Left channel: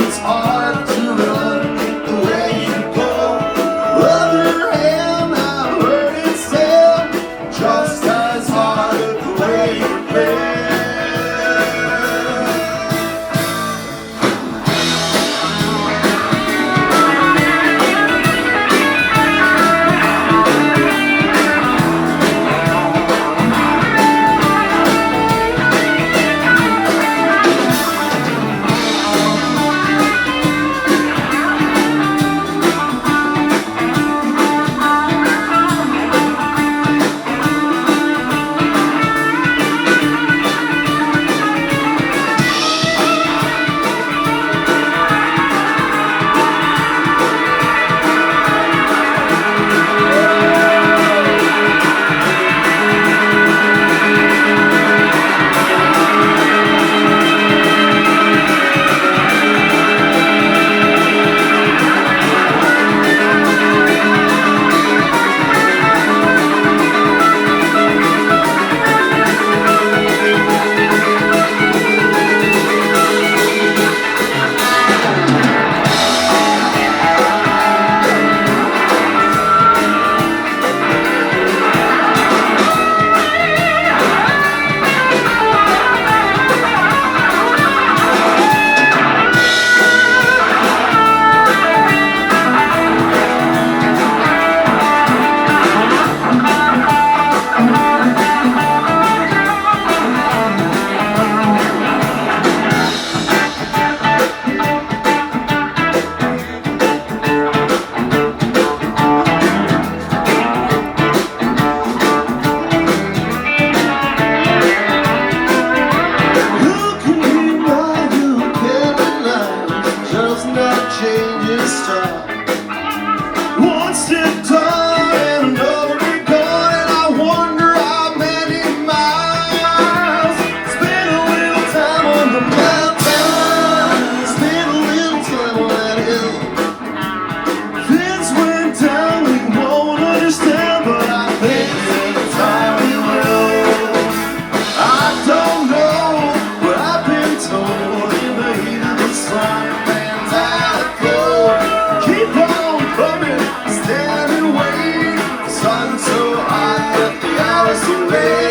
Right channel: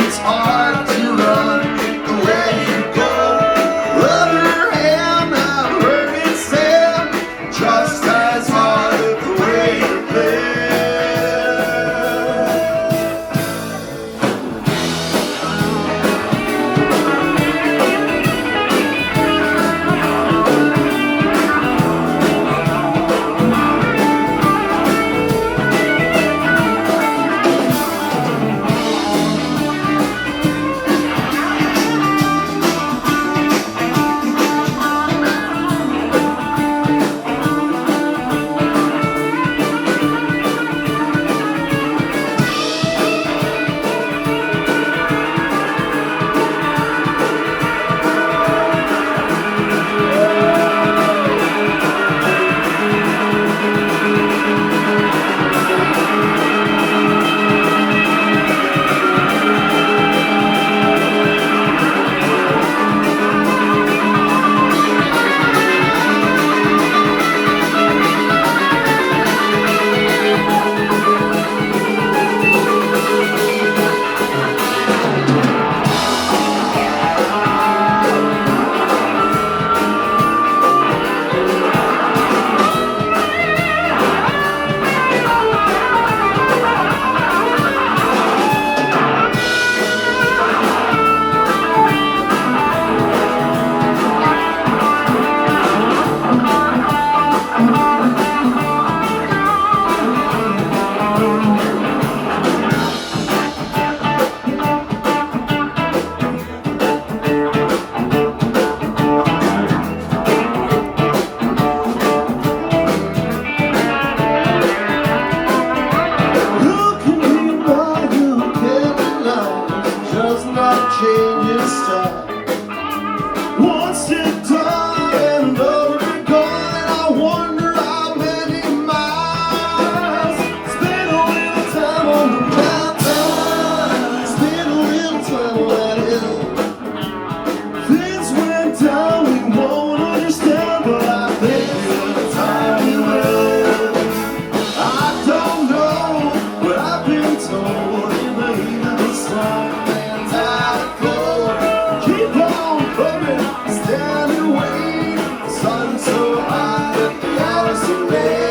it's hard to run the way you go. Other hand, I've heard it said, just as hard the way you play. Once it's done and over gone, and I wonder how many miles. Spend a little time on the mountain, spend a little time on that hill. Things went down, we won't understand, but I think in time we will. I don't know, but I've been told in the heat of the sun, man's out of cold. Keep on coming, stand and wait. The sun's so hot that the hours are late.